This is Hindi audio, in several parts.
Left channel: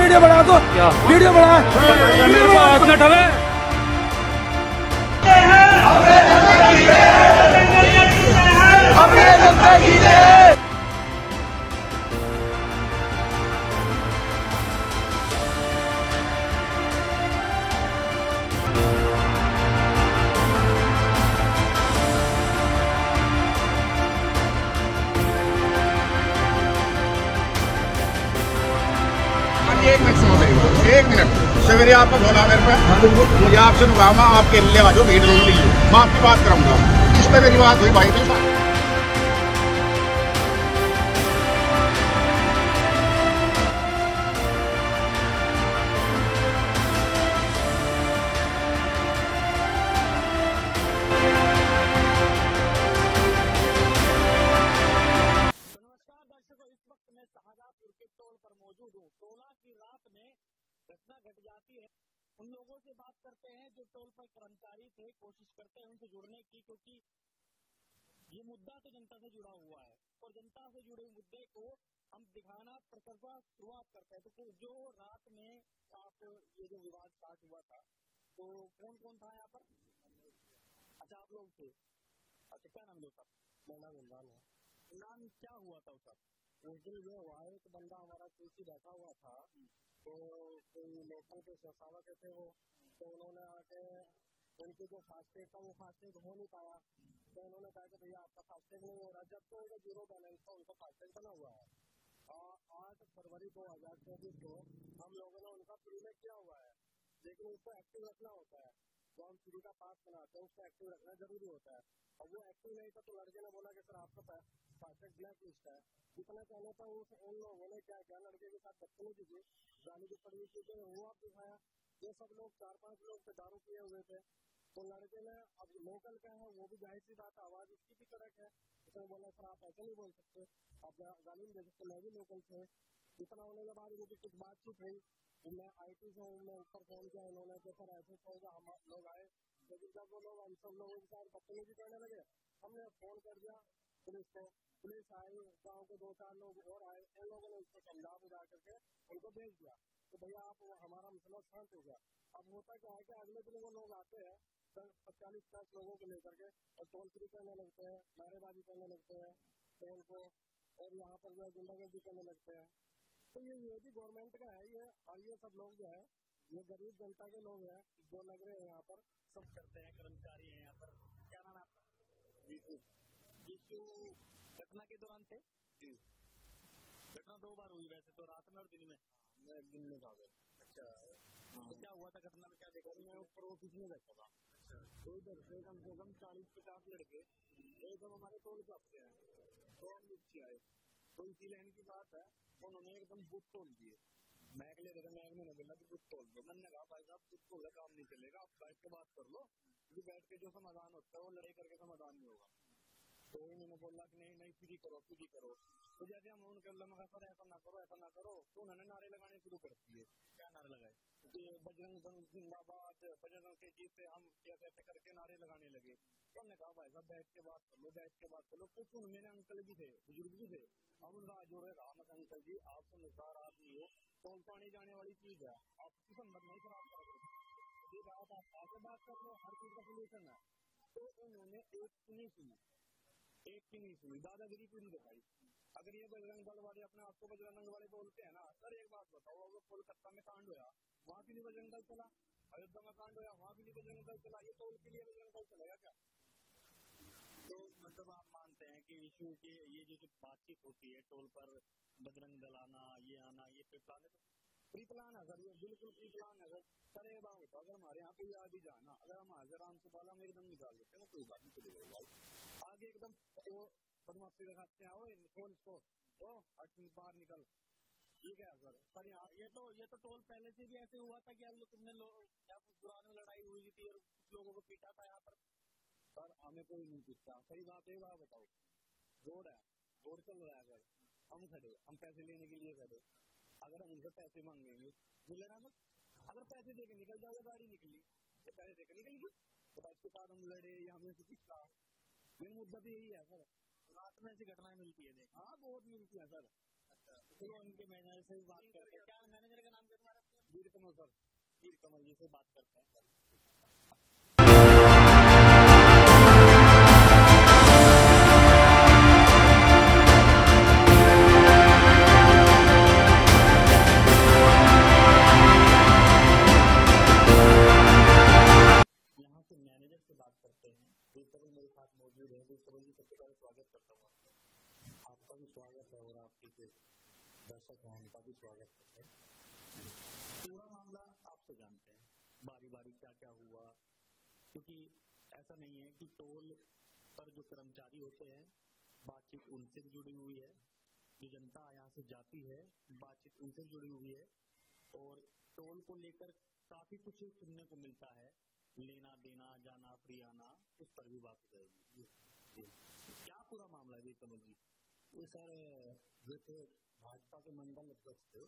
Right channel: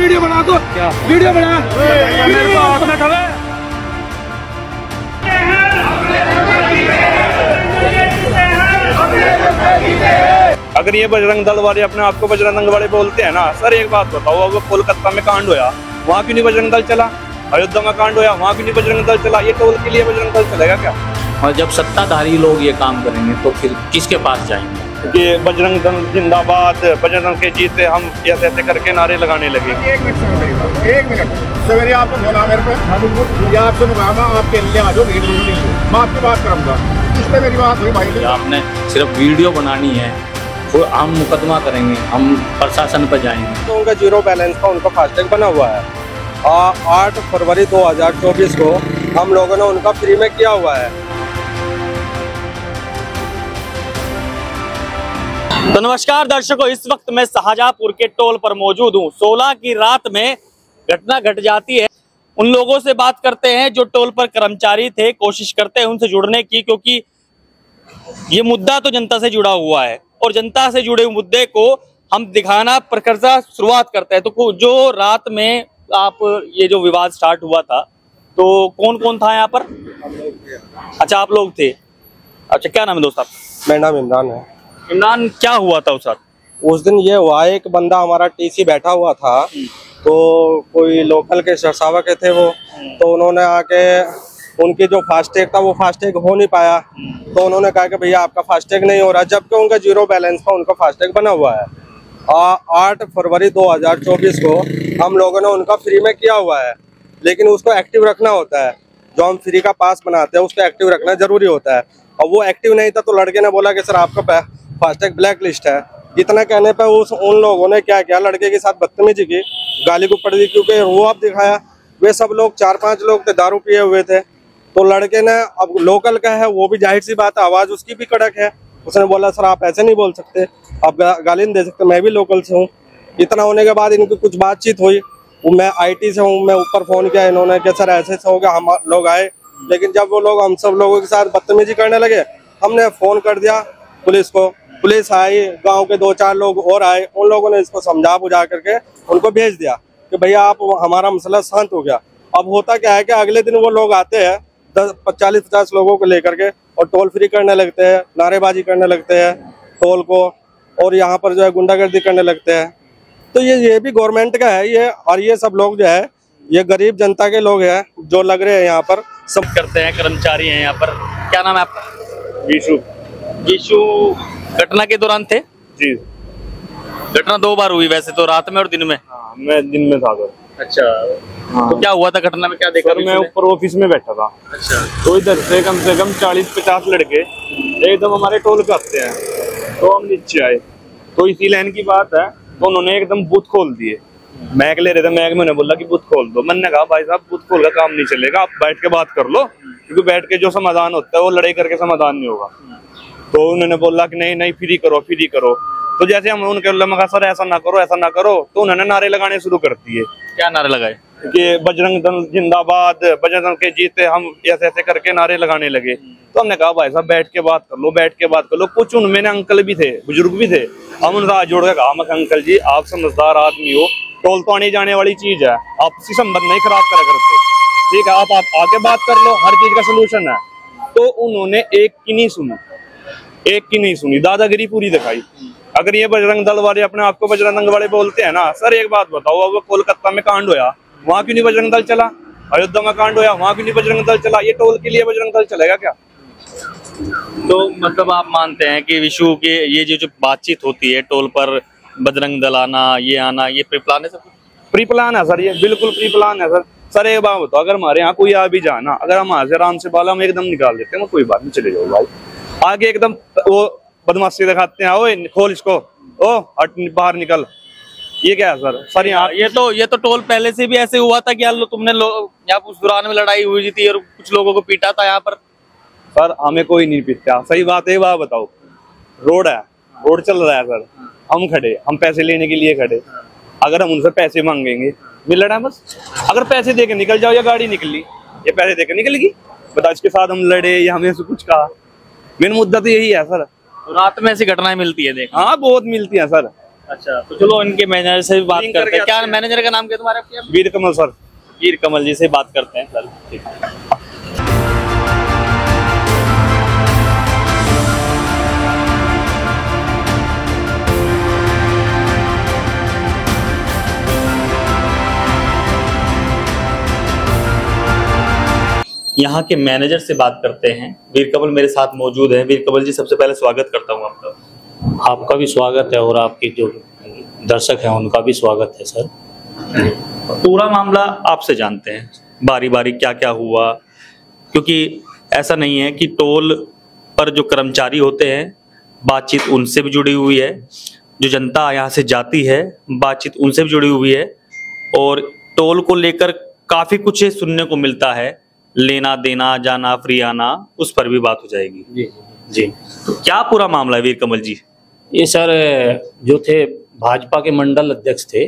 वीडियो बना दो, क्या वीडियो बना मेरे को हाथ में ठगे। अगर ये बजरंग दल वाले अपने आप को बजरंग दल वाले बोलते हैं ना सर, एक बात बताओ, अब कोलकाता में कांड होया, वहाँ क्यों नहीं बजरंग दल चला? अयोध्या में कांड होया, वहाँ क्यों नहीं बजरंग दल चला? ये टोल के लिए बजरंग दल चलेगा क्या? और जब सत्ताधारी लोग ये काम करेंगे तो फिर किसके पास जाएंगे? कि बजरंग दल जिंदाबाद, बजरंग दल के जीते हम, ऐसे ऐसे करके नारे लगाने लगे। एक मिनट समझ रही बात, एक मिनट सवेरे आपको बोला मेरे पे, मुझे आपसे मुकामा आपके लिए आ जाओ, भीड़ रोक लीजिए, मैं आपकी बात करूँगा। इस पर मेरी बात हुई भाई। आपने सिर्फ वीडियो बनानी है, वो हम मुकदमा करेंगे, हम प्रशासन पर जाएंगे। तो उनका जीरो बैलेंस का उनका फास्टैग बना हुआ है। 8 फरवरी 2024 को हम लोगों ने उनका फ्री में किया हुआ है। तो नमस्कार दर्शकों, इस वक्त मैं शाहजहांपुर के टोल पर मौजूद हूँ। 16 की रात में घटना घट जाती है। उन लोगों से बात करते हैं जो टोल पर कर्मचारी थे, कोशिश करते हैं उनसे जुड़ने की, क्योंकि ये मुद्दा तो जनता से जुड़ा हुआ है और जनता से जुड़े मुद्दे को हम दिखाना प्रकर्षा शुरुआत करते हैं। तो जो रात में आप ये जो विवाद स्टार्ट हुआ था, तो कौन कौन था यहाँ पर? अच्छा, आप लोग थे। अच्छा, क्या नाम है दोस्त आपका? मेरा नाम इमरान है। इमरान, क्या हुआ था उस रात? उस दिन ये हुआ, एक बंदा हमारा टीसी बैठा हुआ था, तो कोई लोकल के सरसावा के थे वो, तो उन्होंने आके उनकी जो फास्टैग था वो फास्टैग हो नहीं पाया, तो उन्होंने कहा कि भैया आपका फास्टैग नहीं हो रहा, जबकि उनका जीरो बैलेंस का उनका फास्टैग बना हुआ है। 8 फरवरी 2024 को हम लोगों ने उनका फ्री में किया हुआ है, लेकिन उसको एक्टिव रखना होता है। जो हम फ्री का पास बनाते हैं उसको एक्टिव रखना जरूरी होता है, और वो एक्टिव नहीं था, तो लड़के ने बोला कि सर आपका फास्टैग ब्लैक लिस्ट है। इतना कहने पर उन लोगों ने क्या किया, लड़के के साथ बदतमीजी की, गाली को पड़ दी, क्योंकि वो अब दिखाया। वे सब लोग 4-5 लोग थे, दारू पिए हुए थे, तो लड़के ने, अब लोकल का है वो भी जाहिर सी बात है, आवाज उसकी भी कड़क है, उसने बोला सर आप ऐसे नहीं बोल सकते, आप गाली नहीं दे सकते, मैं भी लोकल से हूँ। इतना होने के बाद इनकी कुछ बातचीत हुई, मैं IT से हूँ, मैं ऊपर फोन किया इन्होंने कि सर ऐसे हो गया, हम लोग आए, लेकिन जब वो लोग हम सब लोगों के साथ बदतमीजी करने लगे, हमने फोन कर दिया पुलिस को। पुलिस आई, गांव के 2-4 लोग और आए, उन लोगों ने इसको समझा बुझा करके उनको भेज दिया कि भैया आप, हमारा मसला शांत हो गया। अब होता क्या है कि अगले दिन वो लोग आते हैं 40-50 लोगों को लेकर के और टोल फ्री करने लगते हैं, नारेबाजी करने लगते हैं टोल को, और यहाँ पर जो है गुंडागर्दी करने लगते हैं। तो ये भी गवर्नमेंट का है ये, और ये सब लोग जो है ये गरीब जनता के लोग हैं जो लग रहे हैं यहाँ पर सब करते हैं, कर्मचारी हैं यहाँ पर। क्या नाम है आपका? गीशु। घटना के दौरान थे जी। घटना 2 बार हुई वैसे तो, रात में और दिन में? हाँ, मैं दिन में था सर। अच्छा, हाँ। तो क्या हुआ था घटना में, क्या देखा? मैं ऊपर ऑफिस में बैठा था। अच्छा। तो इधर से कम 40-50 लड़के एकदम हमारे टोल पे आते हैं, तो हम नीचे आए, तो इसी लाइन की बात है, तो उन्होंने एकदम बूथ खोल दिए। मैक ले रहे थे, मैक में उन्होंने बोला कि बूथ खोल दो। मैंने कहा भाई साहब बूथ खोल का काम नहीं चलेगा, आप बैठ के बात कर लो, क्योंकि बैठ के जो समाधान होता है वो लड़ाई करके समाधान नहीं होगा। तो उन्होंने बोला कि नहीं नहीं फ्री करो, फ्री करो। तो जैसे हम उनके कहा सर ऐसा ना करो, ऐसा ना करो, तो उन्होंने नारे लगाने शुरू कर दिए। क्या नारे लगाए? कि बजरंग दल जिंदाबाद, बजरंग दल के जीते हम, ऐसे ऐसे करके नारे लगाने लगे। तो हमने कहा भाई साहब बैठ के बात कर लो, बैठ के बात कर लो। कुछ उनमें अंकल भी थे, बुजुर्ग भी थे, हम उनसे हाथ जोड़ के कहा अंकल जी आप समझदार आदमी हो, टोल तो आने जाने वाली चीज है, आपसी संबंध नहीं खराब करा करते, ठीक है, आप आके बात कर लो, हर चीज का सोल्यूशन है। तो उन्होंने एक की नहीं सुनी, दादागिरी पूरी दिखाई। अगर ये बजरंग दल वाले अपने आप को बजरंग दल वाले बोलते हैं ना सर, एक बात बताओ, अब कोलकाता में कांड होया, वहाँ क्यों नहीं बजरंग दल चला? अयोध्या में कांड होया, वहाँ क्यों नहीं बजरंग दल चला? ये टोल के लिए बजरंग दल चलेगा क्या? तो मतलब आप मानते हैं कि विशु के ये जो बातचीत होती है टोल पर, बजरंग दल आना, ये प्री प्लान है? सब प्री प्लान है सर, ये बिल्कुल प्री प्लान है सर। सर एक बात बताओ, अगर हमारे यहाँ कोई आ भी जाना, अगर हम वहां से आराम से बाला हम एकदम निकाल देते हैं, कोई बात नहीं, चले जाओ भाई। आगे एकदम वो बदमाशी दिखाते हैं, ओए खोल इसको, ओ हट बाहर निकल, ये क्या है सर? यहाँ ये तो टोल पहले से भी ऐसे हुआ था कि यार तुमने यहाँ उस दौरान में लड़ाई हुई थी और कुछ लोगों को पीटा था यहाँ पर। सर हमें कोई नहीं पीटता, सही बात है। बात बताओ, रोड है, रोड चल रहा है सर, हम खड़े, हम पैसे लेने के लिए खड़े, अगर हम उनसे पैसे मांगेंगे मिल रहा है बस, अगर पैसे देके निकल जाओ या गाड़ी निकली, ये पैसे देके निकलेगी, बताओ इसके साथ हम लड़े या हमें से कुछ कहा? मेन मुद्दा तो यही है सर। तो रात में ऐसी घटनाएं मिलती है, देख? हाँ बहुत मिलती है सर, अच्छा, तो चलो इनके मैनेजर से भी बात लिंक करते हैं। करके क्या आते मैनेजर का नाम क्या तुम्हारा? वीर कमल सर। वीर कमल जी से बात करते हैं सर। ठीक है। यहाँ के मैनेजर से बात करते हैं। वीर कमल मेरे साथ मौजूद है। वीर कमल जी, सबसे पहले स्वागत करता हूँ आपका। आपका भी स्वागत है और आपके जो दर्शक हैं उनका भी स्वागत है सर। पूरा मामला आपसे जानते हैं, बारी बारी क्या क्या हुआ, क्योंकि ऐसा नहीं है कि टोल पर जो कर्मचारी होते हैं बातचीत उनसे भी जुड़ी हुई है, जो जनता यहाँ से जाती है बातचीत उनसे भी जुड़ी हुई है, और टोल को लेकर काफी कुछ सुनने को मिलता है, लेना देना जाना फ्री आना, उस पर भी बात हो जाएगी। जी जी, तो क्या पूरा मामला है वीर कमल जी? ये सर जो थे भाजपा के मंडल अध्यक्ष थे,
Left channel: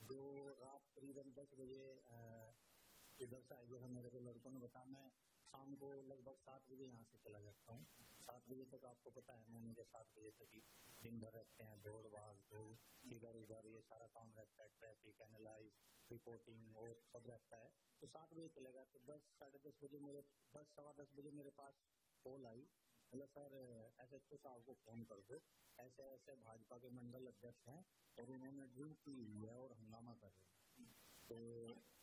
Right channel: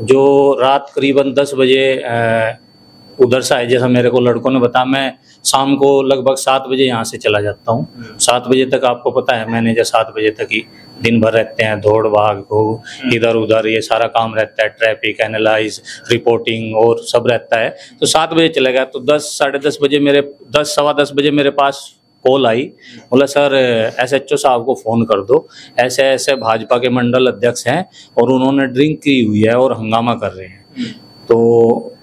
जो रात करीबन 10 बजे उधर से आए, जैसा मेरे को लड़कों ने बताया। मैं शाम को लगभग 7 बजे यहाँ से चला जाता हूँ। 7 बजे तक आपको पता है मैनेजर 7 बजे तक ही दिन भर रहते हैं, दौड़ भाग हो इधर उधर, ये सारा काम रहता है, ट्रैफिक एनालाइज रिपोर्टिंग और सब रहता है। तो 7 बजे चले गया, तो 10 साढ़े 10 बजे मेरे 10 सवा 10 बजे मेरे पास कॉल आई। बोला सर SHO साहब को फ़ोन कर दो, ऐसे ऐसे भाजपा के मंडल अध्यक्ष हैं और उन्होंने ड्रिंक की हुई है और हंगामा कर रहे हैं। तो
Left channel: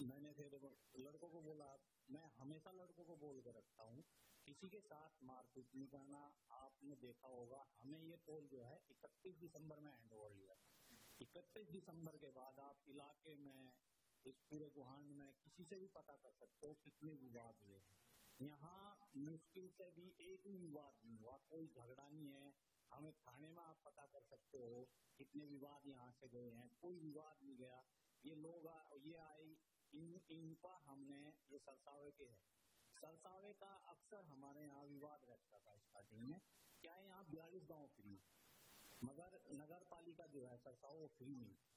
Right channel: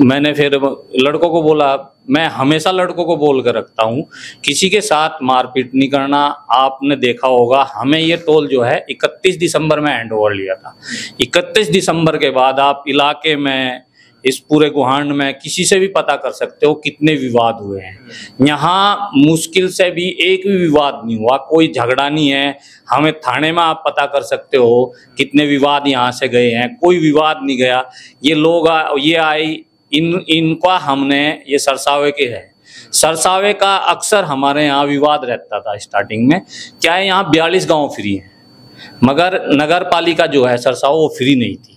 मैंने फिर लड़कों को बोला, मैं हमेशा लड़कों को बोल कर रखता हूँ किसी के साथ मारपीट नहीं करना। आपने देखा होगा हमें ये टोल जो है 31 दिसंबर में हैंड ओवर लिया था। 31 दिसंबर के बाद आप इलाके में, इस पूरे गुहांड में किसी से भी पता कर सकते हो कितने विवाद हुए हैं। यहाँ मुश्किल से भी एक भी विवाद नहीं हुआ, कोई झगड़ा नहीं है। हमें थाने में आप पता कर सकते हो कितने विवाद यहाँ से गए हैं, कोई विवाद नहीं गया। ये लोग ये आए, इनका हमने, ये सरसावे के है, सरसावे का अक्सर हमारे यहाँ विवाद रहता था स्टार्टिंग में। क्या है, यहाँ 42 गांव फ्री है, मगर नगर पालिका जो है सरसावा वो फ्री नहीं थी।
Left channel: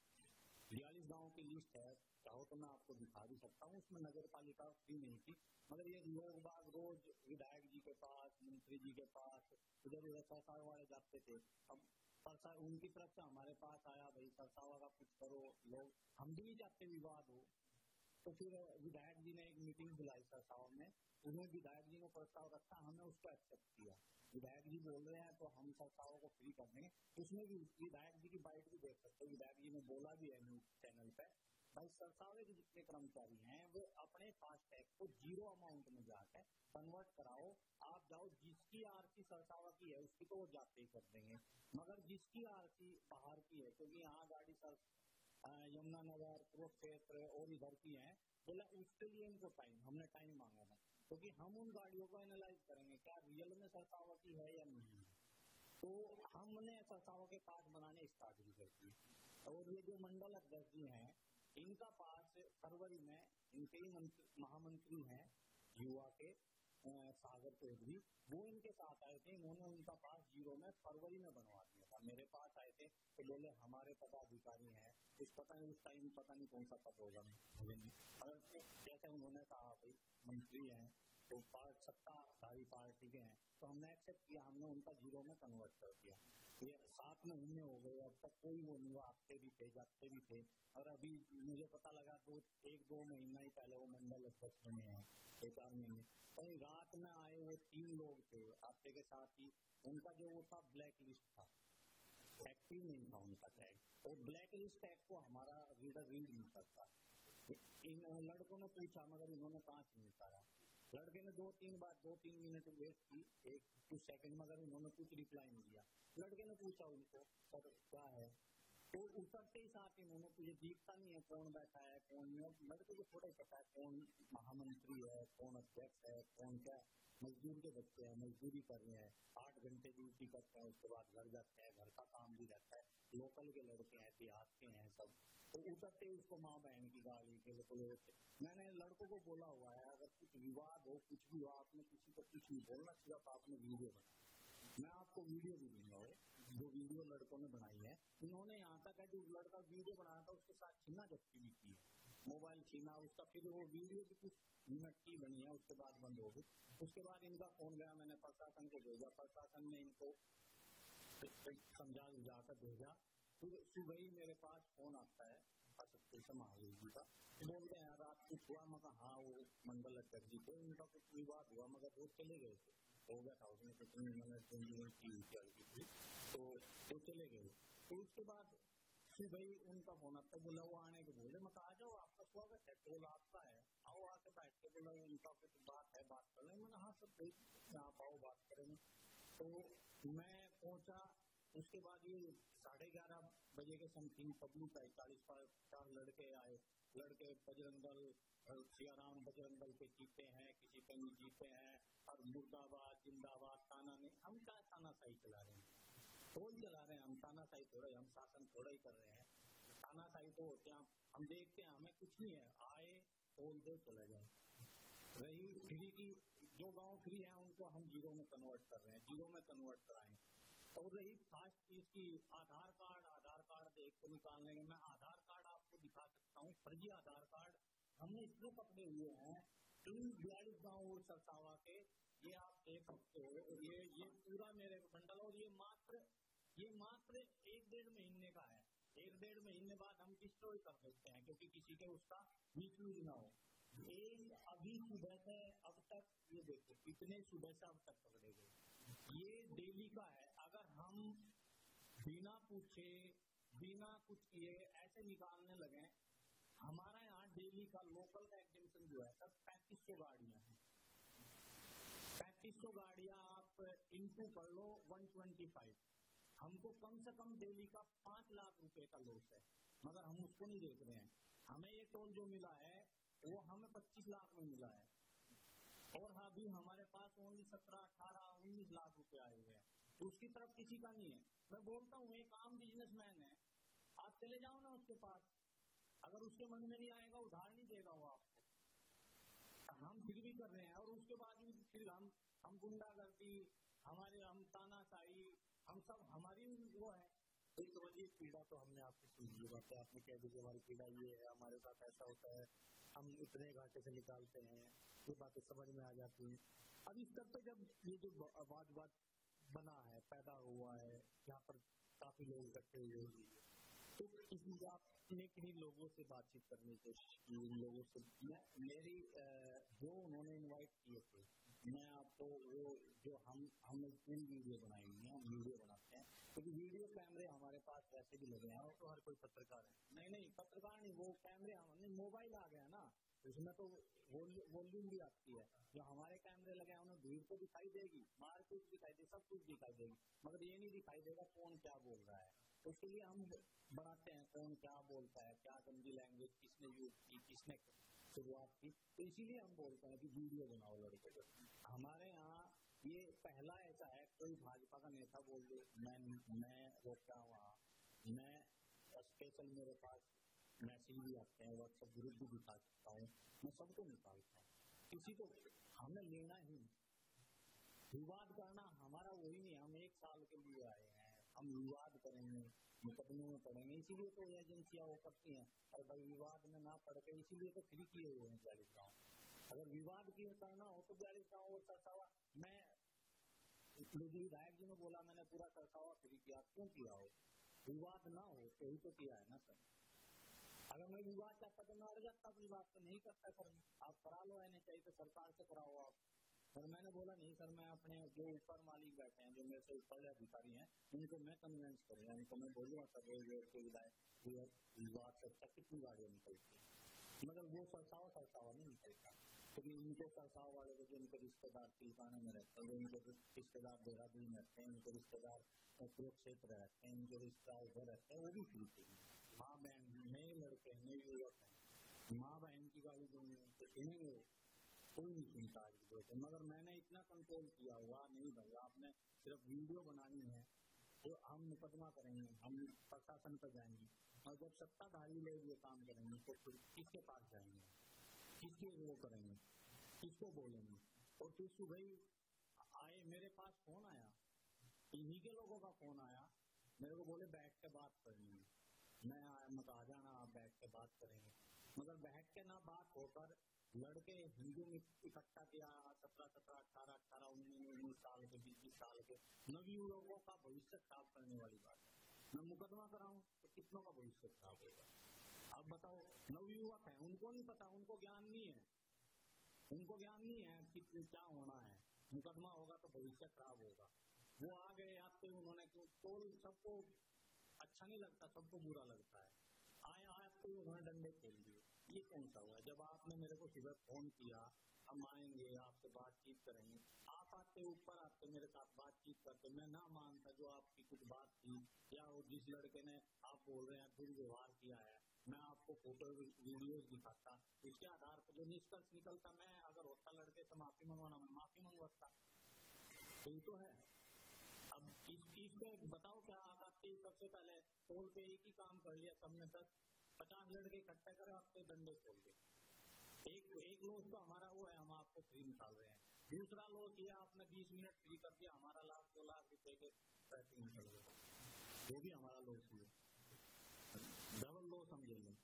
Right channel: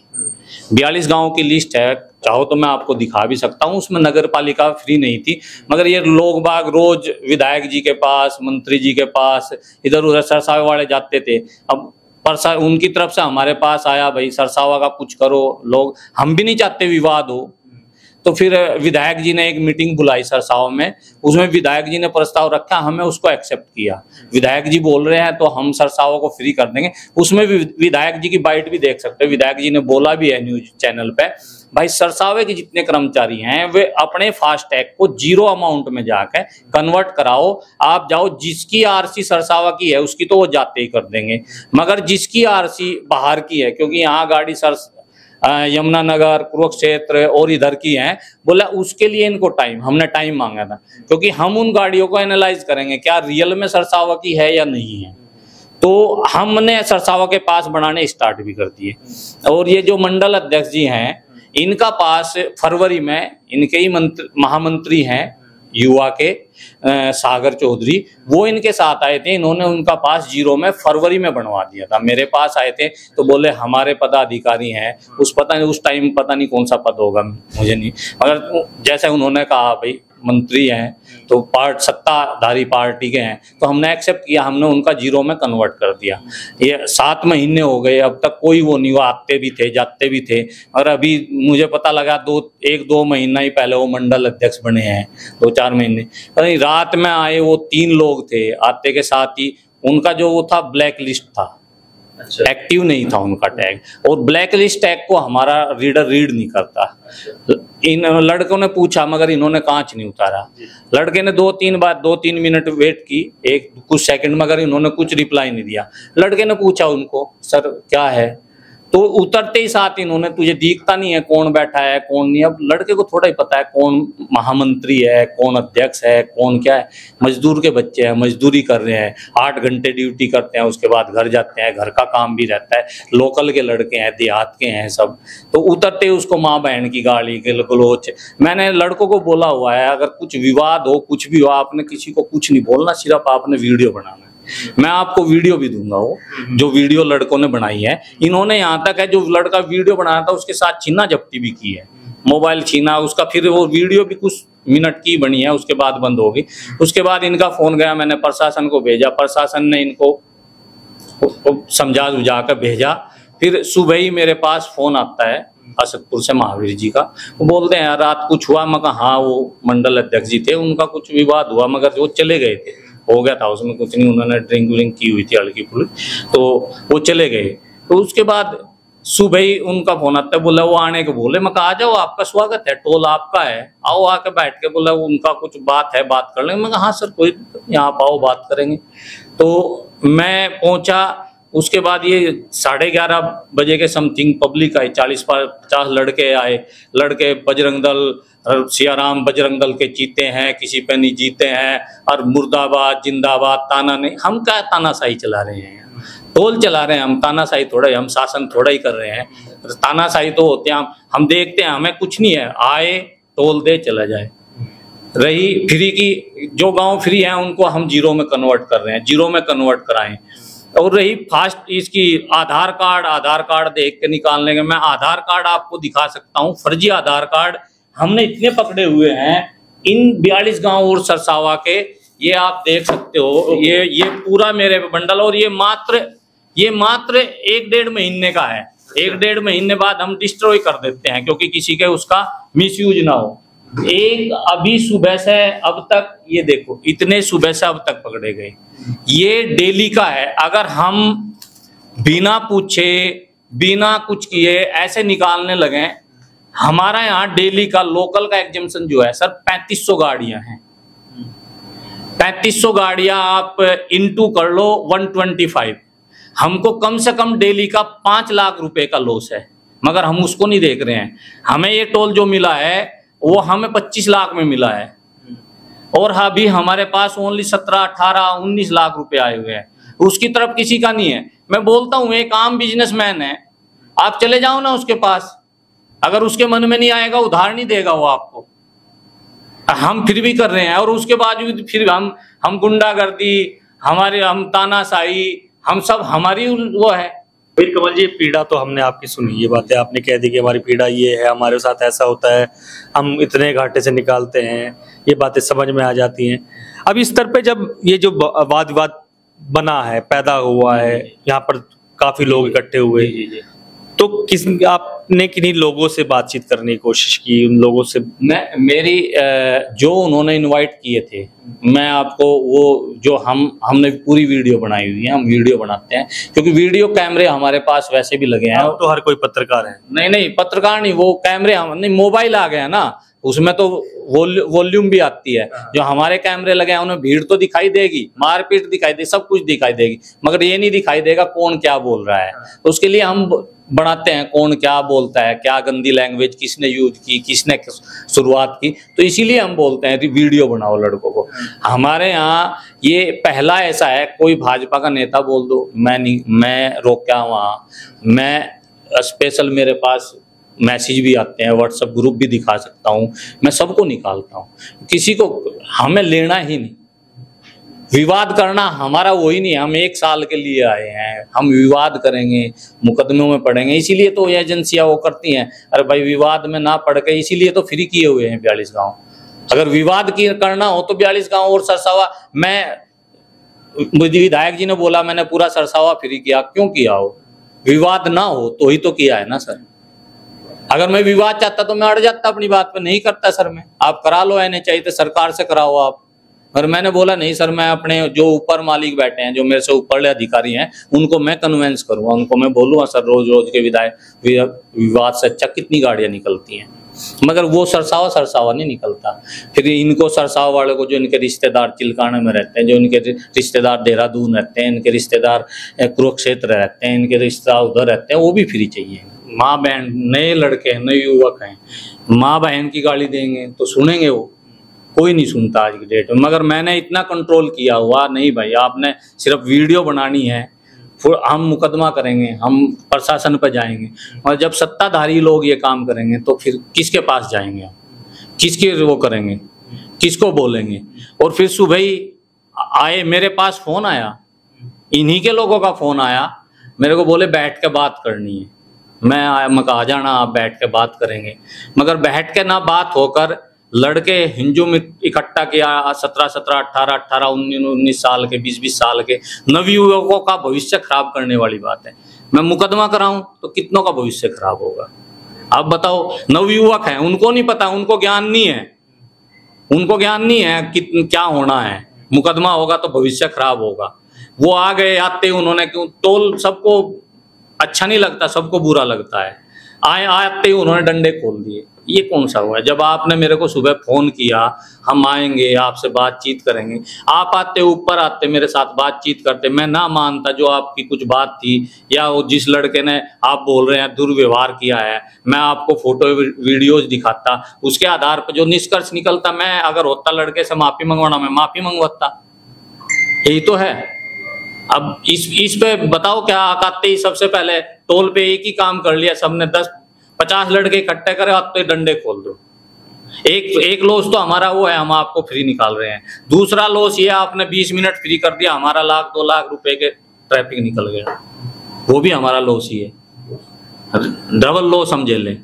42 गांव की लिस्ट है, चाहो तो मैं आपको दिखा भी सकता हूँ, उसमें नगर पालिका फ्री नहीं थी। मगर ये लोग बाग रोज विधायक जी के पास, मंत्री जी के पास, इधर उधर सरसावे वाले जाते थे। अब परसा उनकी तरफ से हमारे पास आया, भाई सरसावा का कुछ करो। लोग, हम भी नहीं चाहते विवाद हो, तो फिर विधायक जी ने एक मीटिंग बुलाई सरसाव में, उसमें विधायक जी ने प्रस्ताव रखा, हमें उसको एक्सेप्ट किया। विधायक जी बोल रहे हैं तो हम सरसाव को फ्री कर देंगे। उसमें भी विधायक जी की बाइट भी देख सकते हैं, विधायक जी ने बोला भी है न्यूज चैनल पे, भाई सरसावे के जितने कर्मचारी हैं वे अपने फास्टैग को 0 अमाउंट में जाकर कन्वर्ट कराओ। आप जाओ, जिसकी RC सरसावा की है उसकी तो वो जाते ही कर देंगे, मगर जिसकी RC बाहर की है, क्योंकि यहाँ गाड़ी यमुनानगर, कुरुक्षेत्र और इधर की हैं, बोला उसके लिए इनको टाइम, हमने टाइम मांगा था, क्योंकि हम उन गाड़ियों को एनालाइज करेंगे क्या रियल में सरसावा की है या नहीं है। तो हमने सरसावा के पास बनाने स्टार्ट भी कर दिए। और ये जो मंडल अध्यक्ष जी हैं, इनका पास फरवरी में, इनके ही महामंत्री हैं युवा के सागर चौधरी, वो इनके साथ आए थे। इन्होंने उनका पास 0 में फरवरी में बनवा दिया था। मेरे पास आए थे तो बोले हमारे पदाधिकारी हैं, उस टाइम पता नहीं कौन सा पद होगा, मुझे नहीं, मगर जैसे उन्होंने कहा भाई मंत्री हैं तो सत्ताधारी पार्टी के हैं, तो हमने एक्सेप्ट किया, हमने उनका 0 में कन्वर्ट कर दिया। ये 7 महीने हो गए, अब तक कोई वो नहीं, वो आते भी थे जाते भी थे। और अभी मुझे पता लगा 1-2 महीना ही पहले वो मंडल अध्यक्ष बने हैं, 2-4 महीने। रात में आए वो 3 लोग थे, आते के साथ ही उनका जो वो था ब्लैक लिस्ट था, एक्टिव नहीं था उनका टैग, और ब्लैक लिस्ट टैग को हमारा रीडर रीड नहीं करता। इन लड़कों ने पूछा मगर इन्होंने कांच नहीं उतारा। लड़के ने 2-3 मिनट वेट की, कुछ सेकंड, मगर इन्होंने कुछ रिप्लाई नहीं दिया। लड़के ने पूछा उनको, सर क्या है, तो उतरते ही साथ इन्होंने, तुझे दिखता नहीं है कौन बैठा है कौन नहीं। अब लड़के को थोड़ा ही पता है कौन महामंत्री है, कौन अध्यक्ष है, कौन क्या है। मजदूर के बच्चे हैं, मजदूरी कर रहे हैं, 8 घंटे ड्यूटी करते हैं, उसके बाद घर जाते हैं, घर का काम भी रहता है, लोकल के लड़के हैं, देहात के हैं सब। तो उतरते ही उसको माँ बहन की गाली गलोच। मैंने लड़कों को बोला हुआ है, अगर कुछ विवाद हो, कुछ भी हो, आपने किसी को कुछ नहीं बोलना, सिर्फ आपने वीडियो बनाना। मैं आपको वीडियो भी दूंगा, वो जो वीडियो लड़कों ने बनाई है। इन्होंने यहाँ तक है जो लड़का वीडियो बनाया था उसके साथ छीना जब्ती भी की है, मोबाइल छीना उसका। फिर वो वीडियो भी कुछ मिनट की बनी है, उसके बाद बंद होगी। उसके बाद इनका फोन गया, मैंने प्रशासन को भेजा, प्रशासन ने इनको समझा बुझा कर भेजा। फिर सुबह ही मेरे पास फोन आता है असदपुर से महावीर जी का। वो बोलते हैं रात कुछ हुआ। मैं कहा हाँ, वो मंडल अध्यक्ष जी थे, उनका कुछ विवाद हुआ, मगर वो चले गए थे, हो गया था उसमें कुछ नहीं, उन्होंने ड्रिंक व्रिंक की हुई थी हल्की फुल्की, तो वो चले गए। तो उसके बाद सुबह ही उनका फोन आता है, बोला वो आने के बोले। मैं कहा आ जाओ, आपका स्वागत है, टोल आपका है, आओ आके बैठ के। बोला उनका कुछ बात है, बात कर लेंगे। मैं कहा हाँ सर कोई, यहाँ आओ बात करेंगे। तो मैं पहुंचा। उसके बाद ये 11:30 बजे के समथिंग पब्लिक आई, 40-50 लड़के आए। लड़के बजरंग दल, सियाराम बजरंग दल के जीते हैं, किसी पे नहीं जीते हैं, और मुर्दाबाद जिंदाबाद, ताना नहीं। हम क्या तानाशाही चला रहे हैं, टोल चला रहे हैं हम, तानाशाही थोड़ा ही, हम शासन थोड़ा ही कर रहे हैं। तानाशाही तो होते हैं हम देखते हैं, हमें कुछ नहीं है, आए टोल दे चला जाए। रही फ्री की, जो गांव फ्री है उनको हम जीरो में कन्वर्ट कर रहे हैं, जीरो में कन्वर्ट कराएं। और रही फास्ट इसकी आधार कार्ड देख के निकालने के, मैं आधार कार्ड आपको दिखा सकता हूँ, फर्जी आधार कार्ड हमने इतने पकड़े हुए हैं इन 42 गांव और सरसावा के। ये आप देख सकते हो, ये पूरा मेरे बंडल, और ये मात्र 1-1.5 महीने का है। 1-1.5 महीने बाद हम डिस्ट्रॉय कर देते हैं, क्योंकि किसी के उसका मिसयूज ना हो। एक अभी सुबह से अब तक, ये देखो इतने सुबह से अब तक पकड़े गए, ये डेली का है। अगर हम बिना पूछे बिना कुछ किए ऐसे निकालने लगे, हमारा यहाँ डेली का लोकल का एग्जामिशन जो है सर 3500 गाड़ियां हैं। 3500 गाड़ियां आप इंटू कर लो 125, हमको कम से कम डेली का 5 लाख रुपए का लॉस है, मगर हम उसको नहीं देख रहे हैं। हमें ये टोल जो मिला है वो हमें 25 लाख में मिला है, और अभी हमारे पास ओनली 17, 18, 19 लाख रुपए आए हुए हैं, उसकी तरफ किसी का नहीं है। मैं बोलता हूं एक आम बिजनेसमैन है, आप चले जाओ ना उसके पास, अगर उसके मन में नहीं आएगा उधार नहीं देगा वो आपको। हम फिर भी कर रहे हैं, और उसके बावजूद फिर हम गुंडागर्दी, हम तानाशाही, हम सब हमारी वो है। फिर कमल जी, पीड़ा तो हमने आपकी सुनी, ये बातें आपने कह दी कि हमारी पीड़ा ये है, हमारे साथ ऐसा होता है, हम इतने घाटे से निकालते हैं, ये बातें समझ में आ जाती हैं। अब इस स्तर पे जब ये जो वाद विवाद बना है, पैदा हुआ है, यहाँ पर काफी लोग इकट्ठे हुए, तो आपने किन्हीं लोगों से बातचीत करने की कोशिश की, उन लोगों से? मेरी जो उन्होंने इनवाइट किए थे, मैं आपको वो जो हमने पूरी वीडियो बनाई हुई है, हम वीडियो बनाते हैं, क्योंकि वीडियो कैमरे हमारे पास वैसे भी लगे हैं। तो हर कोई पत्रकार है? नहीं पत्रकार नहीं, वो कैमरे नहीं, मोबाइल आ गया ना, उसमें तो वॉल्यूम भी आती है। जो हमारे कैमरे लगे हैं उनमें भीड़ तो दिखाई देगी, मारपीट दिखाई देगी, सब कुछ दिखाई देगी, मगर ये नहीं दिखाई देगा कौन क्या बोल रहा है। तो उसके लिए हम बनाते हैं कौन क्या बोलता है, क्या गंदी लैंग्वेज किसने यूज की, किसने शुरुआत की, तो इसीलिए हम बोलते हैं वीडियो बनाओ लड़कों को। हमारे यहाँ ये पहला ऐसा है, कोई भाजपा का नेता बोल दो, मैं रोका वहाँ, मैं स्पेशल मेरे पास मैसेज भी आते हैं, व्हाट्सएप ग्रुप भी दिखा सकता हूँ, मैं सबको निकालता हूँ, किसी को हमें लेना ही नहीं। विवाद करना हमारा वही नहीं है, हम 1 साल के लिए आए हैं, हम विवाद करेंगे, मुकदमों में पड़ेंगे, इसीलिए तो एजेंसियां वो करती हैं, अरे भाई विवाद में ना पड़ के, इसीलिए तो फ्री किए हुए हैं 42 गांव। अगर विवाद की करना हो तो 42 गांव और सरसावा, मुझे विधायक जी ने बोला मैंने पूरा सरसावा फ्री किया, क्यों किया हो? विवाद ना हो तो ही तो किया है ना सर। अगर मैं विवाद चाहता तो मैं अड़ जाता अपनी बात पे, नहीं करता सर। मैं आप करा लो, एने चाहिए तो सरकार से कराओ आप। और मैंने बोला नहीं सर, मैं अपने जो ऊपर मालिक बैठे हैं, जो मेरे से ऊपर अधिकारी हैं, उनको मैं कन्वेंस करूंगा, उनको मैं बोलूंगा सर रोज के विवाद से अच्छा कितनी गाड़ियां निकलती हैं, मगर वो सरसावा नहीं निकलता। फिर इनको सरसावा वाले को, जो इनके रिश्तेदार चिलकाना में रहते हैं, जो इनके रिश्तेदार देहरादून रहते हैं, इनके रिश्तेदार कुरुक्षेत्र रहते हैं, इनके रिश्तेदार उधर रहते हैं, वो भी फ्री चाहिए। माँ बहन, नए लड़के हैं, नए युवक हैं, माँ बहन की गाली देंगे तो सुनेंगे वो? कोई नहीं सुनता आज की डेट में। मगर मैंने इतना कंट्रोल किया हुआ, नहीं भाई आपने सिर्फ वीडियो बनानी है, फिर हम मुकदमा करेंगे, हम प्रशासन पर जाएंगे। और जब सत्ताधारी लोग ये काम करेंगे तो फिर किसके पास जाएंगे हम, किसके वो करेंगे, किसको बोलेंगे? और फिर सुबह ही आए, मेरे पास फोन आया, इन्हीं के लोगों का फोन आया, मेरे को बोले बैठ के बात करनी है। मैं आया, मैं कहा आ जाना, आप बैठ के बात करेंगे। मगर बैठ के ना बात होकर लड़के हिंजू में इकट्ठा किया, 17, 18, 19 साल के, 20 साल के नवयुवकों का भविष्य खराब करने वाली बात है। मैं मुकदमा कराऊं तो कितनों का भविष्य खराब होगा। आप बताओ, नवयुवक हैं, उनको नहीं पता, उनको ज्ञान नहीं है, उनको ज्ञान नहीं है कि क्या होना है। मुकदमा होगा तो भविष्य खराब होगा। वो आ गए, आते उन्होंने, क्यों टोल सबको अच्छा नहीं लगता, सबको बुरा लगता है। आते उन्होंने डंडे खोल दिए। ये कौन सा हुआ? जब आपने मेरे को सुबह फोन किया, हम आएंगे आपसे बातचीत करेंगे, आप आते, ऊपर आते, मेरे साथ बातचीत करते, मैं ना मानता जो आपकी कुछ बात थी, या वो जिस लड़के ने आप बोल रहे हैं दुर्व्यवहार किया है, मैं आपको फोटो वीडियोज दिखाता, उसके आधार पर जो निष्कर्ष निकलता, मैं अगर होता लड़के से माफी मंगवाना, मैं माफी मंगवाता। यही तो है। अब इस पे बताओ क्या आते ही सबसे पहले टोल पे एक ही काम कर लिया सबने, 10-50 लड़के इकट्ठे करे, आप तो डंडे खोल दो। एक लॉस तो हमारा वो है, हम आपको फ्री निकाल रहे हैं। दूसरा लॉस ये आपने 20 मिनट फ्री कर दिया, हमारा 1-2 लाख रुपए के ट्रैफिक निकल गया, वो भी हमारा लॉस ही है। डबल लॉस हम झेलें।